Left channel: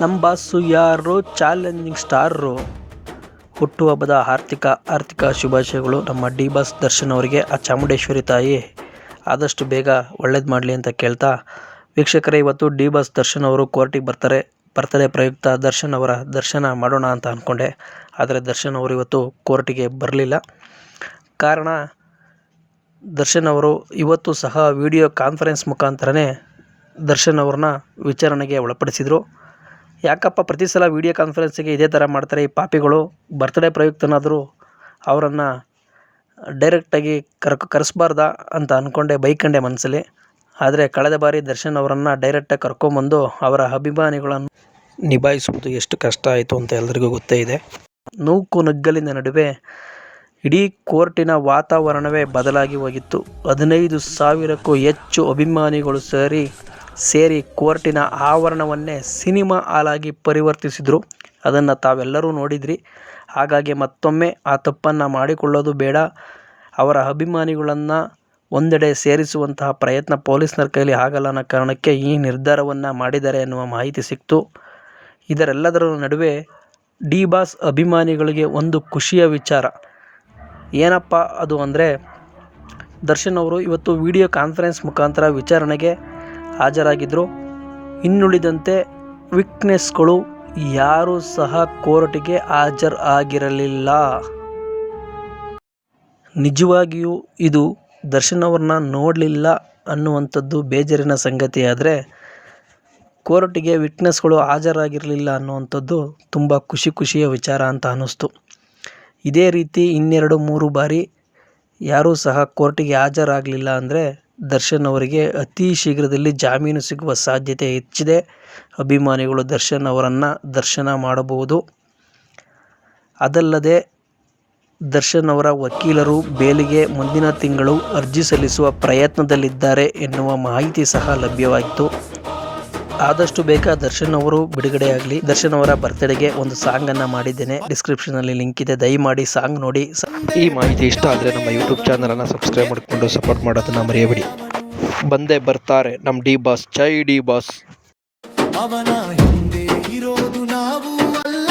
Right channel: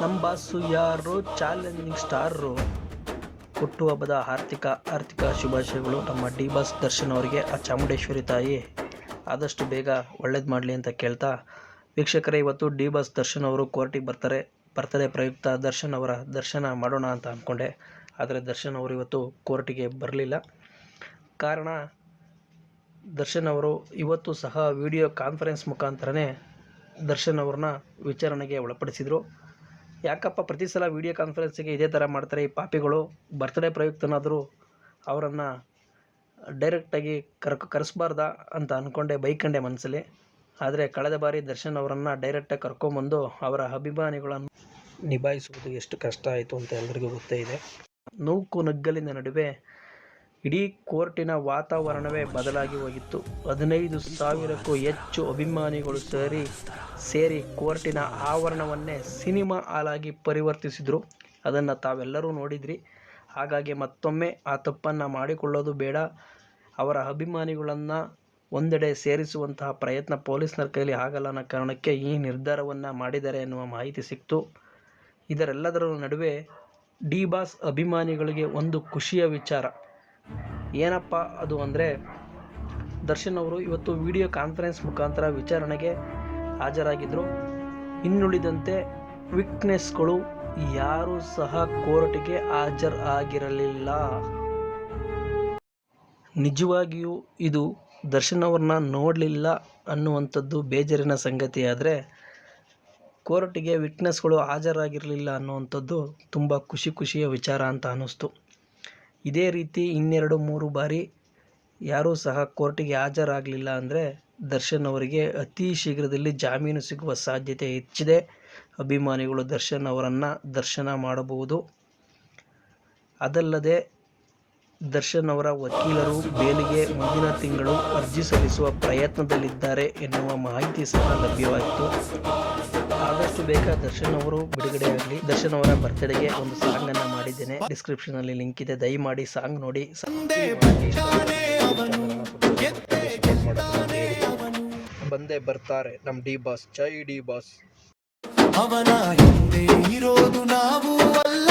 ನಮ್ಮ ಬಾಸು ಯಾರು challenging star. ಹುಟ್ಟುಹಬ್ಬದ ಆರ್ಥಿಕ ಶುಭಾಶಯಗಳು ನಮ್ಮ ಡಿ ಬಾಸ್ ದರ್ಶನ್ ಅವರಿಗೆ. ಆ ಚಾಮುಂಡೇಶ್ವರಿ ತಾಯಿ ಆದಷ್ಟು ಬೇಗ ಒಳ್ಳೇದು ಮಾಡಲಿ ಅಂತ ಕೇಳ್ತಾ, ವೀಕ್ಷಕರೇ, ಇವತ್ತು ಡಿ ಬಾಸ್ ದರ್ಶನ್ ಅವರು ಕೋರ್ಟಿಗೆ ಬರ್ತಾರೆ. ಬರ್ತಡೇ ಪ್ರಯುಕ್ತ ದರ್ಶನ್ ಅವರ ದರ್ಶನ ಮಾಡೋಣ ಅಂತ ಅಂದ್ಕೊಂಡೆ. ಆದರೆ ದರ್ಶನ್ ಅವರು ಇವತ್ತು ಕೋರ್ಟಿಗೆ ಬರಲಿಲ್ಲ. ಕಾರಣ, ದರ್ಶನ್ ಅವರು ಇವತ್ತು ಸಹ ವಿಡಿಯೋ ಕಾನ್ಫರೆನ್ಸ್ ಮುಖಾಂತರನೇ ದರ್ಶನ್ ಅವ್ರನ್ನ ವಿಚಾರಣೆಗೆ ಒಳಪಡಿಸಿದರು. ಯಾಕಪ್ಪ ಪ್ರತಿ ಸಲ ವಿಡಿಯೋ ಕಾನ್ಫರೆನ್ಸಿಗೆ ಇದೇ ಥರ ಮಾಡ್ತಾರೆ ಈ ಪಾಪಿಗಳು? ಬರ್ತ್ಡೇ ಪ್ರಯುಕ್ತನಾದರೂ ಅವರನ್ನು ಡೈರೆಕ್ಟಾಗಿ ಕರೆಸ್ಬಾರ್ದಾ ಅಂತ ಅಂದ್ಕೊಂಡೆ, ಬೈಕಂಡೆ ಮನಸ್ಸಲ್ಲಿ. ಆದರೆ ಕಳೆದ ಬಾರಿ ದರ್ಶನ್ ಅವರನ್ನು ಡೈರೆಕ್ಟಾಗಿ ಕರ್ಕೊಂಬಂದು ಅವರ ಅಭಿಮಾನಿಗಳನ್ನು ನಿಭಾಯಿಸುವುದು ಎಷ್ಟು ಕಷ್ಟ ಆಯಿತು ಅಂತ ಎಲ್ಲರಿಗೂ ಗೊತ್ತೇ ಇದೆ. ನೂಕು ನುಗ್ಗಲಿನ ನಡುವೆ ಇಡೀ ಕೋರ್ಟಿನ ವಾತಾವರಣವೇ ಬದಲಾಗಿ ಹೋಗಿತ್ತು. 15,000ಕ್ಕೂ ಹೆಚ್ಚು ಅಭಿಮಾನಿಗಳು ಸೇರಿ ಕೋರ್ಟಿನ ಆವರಣವನ್ನೇ ಸಿನಿಮಾ ಹಾಲಾಗಿ ಪರಿವರ್ತಿಸಿದರು. ಅದನ್ನು ತಾವೆಲ್ಲರೂ ನೋಡಿದ್ರಿ. ಹಾಗಾಗಿ ಮತ್ತೊಮ್ಮೆ ಆ ತಪ್ಪನ್ನು ಮಾಡಿಕೊಳ್ಳೋದು ಬೇಡ. ಅವರ ಅಭಿಮಾನಿಗಳನ್ನು ಒಂದೆಡೆ ಸೇರಿಸುವಂತಹ ಪ್ರಯತ್ನ ಪೊಲೀಸ್ನರ ಕೈಲಿ ಆಗಲ್ಲ ಅನ್ನೋ ಕಾರಣಕ್ಕೆ ಈ ನಿರ್ಧಾರವನ್ನು ಮಾಡಿದ್ದಾರೆ ಎನ್ನುವ ಮಾಹಿತಿ ಸಿಕ್ತು. ಇದರೆಲ್ಲದರ ನಡುವೆ ಡಿ ಬಾಸ್ ಅಭಿಮಾನಿಗಳಿಗೆ ಒಂದು ಖುಷಿಯ ವಿಚಾರ. ಏನಪ್ಪ ಅದು ಅಂದರೆ, ದರ್ಶನ್ ಅವರು ಇವತ್ತು ವಿಡಿಯೋ ಕಾನ್ಫರೆನ್ಸ್ ಮುಖಾಂತರ ವಿಚಾರಣೆಗೆ ಹಾಜರಾಗಿದ್ದರು. ಇನ್ನುಳಿದಂತೆ ವಿಟ್ನೆಸ್ಗಳು ಯಾರೂ ಸಹ ಕೋರ್ಟಿಗೆ ಹಾಜರಾಗಿರಲಿಲ್ಲ. ನಿಜವಾಗಿಯೂ ಇದು ದರ್ಶನ್ ಅವ್ರನ್ನ ನೋಡಲಿಲ್ಲ ಅನ್ನುವಂಥದ್ದು ಬೇಜಾರಿನ ಸಂಗತಿ. ಆದರೆ ಕೋರ್ಟಿಗೆ ವಿಟ್ನೆಸ್ಗಳು ಹಾಜರಾಗಿರಲಿಲ್ಲ ಅನ್ನುವಂಥದ್ದು ತುಂಬ ಖುಷಿಯ ವಿಚಾರ ಅಂತ ಅನ್ನಿಸ್ತು. ಇದೇ ರೀತಿ 2-3 ಬಾರಿ ಯಾರೂ ಸಹ ಕೋರ್ಟಿಗೆ ಹಾಜರಾಗಲಿಲ್ಲ ಅಂದರೆ ದರ್ಶನ್ ಅವರಿಗೆ ಅತಿ ಶೀಘ್ರದಲ್ಲಿ ಜಾಮೀನು ಸಿಗುವ ಸಾಧ್ಯತೆ ಹೆಚ್ಚಿದೆ. ಅಭಿಮಾನಿಗಳು ದರ್ಶನ್ ಅವರನ್ನು ದರ್ಶನ ಮಾಡಬಹುದು. ಅದಲ್ಲದೆ ದರ್ಶನ್ ಅವರ ವಕೀಲರು ಬೇಲಿಗೆ ಮುಂದಿನ ತಿಂಗಳು ಅರ್ಜಿ ಸಲ್ಲಿಸುವ ಪ್ರಯತ್ನದಲ್ಲಿದ್ದಾರೆ ಎನ್ನುವ ಮಾಹಿತಿ ಸಹ ಲಭ್ಯವಾಯಿತು. ಆದಷ್ಟು ಬೇಗ ದರ್ಶನ್ ಅವರು ಬಿಡುಗಡೆಯಾಗಲಿ. ದರ್ಶನ್ ಅವರ ಬರ್ತ್ಡೇಗೆ ಒಂದು ಸಾಂಗನ್ನು ಮಾಡಿದ್ದೇನೆ, ಡಿಸ್ಕ್ರಿಪ್ಷನಲ್ಲಿ ಲಿಂಕ್ ಇದೆ, ದಯಮಾಡಿ ಸಾಂಗ್ ನೋಡಿ. ಈ ಮಾಹಿತಿ ಇಷ್ಟ ಆದರೆ ನಮ್ಮ ಯೂಟ್ಯೂಬ್ ಚಾನಲನ್ನು ಸಬ್ಸ್ಕ್ರೈಬ್ ಮಾಡಿಕೊಂಡು ಸಪೋರ್ಟ್ ಮಾಡೋದನ್ನು ಮರೆಯಬೇಡಿ. ಬಂದೇ ಬರ್ತಾರೆ ನಮ್ಮ ಡಿ ಬಾಸ್. ಜೈ ಡಿ ಬಾಸ್. ಅವನ ಹಿಂದೆ ಇರೋದು ನಾವು ಅಲ್ಲ.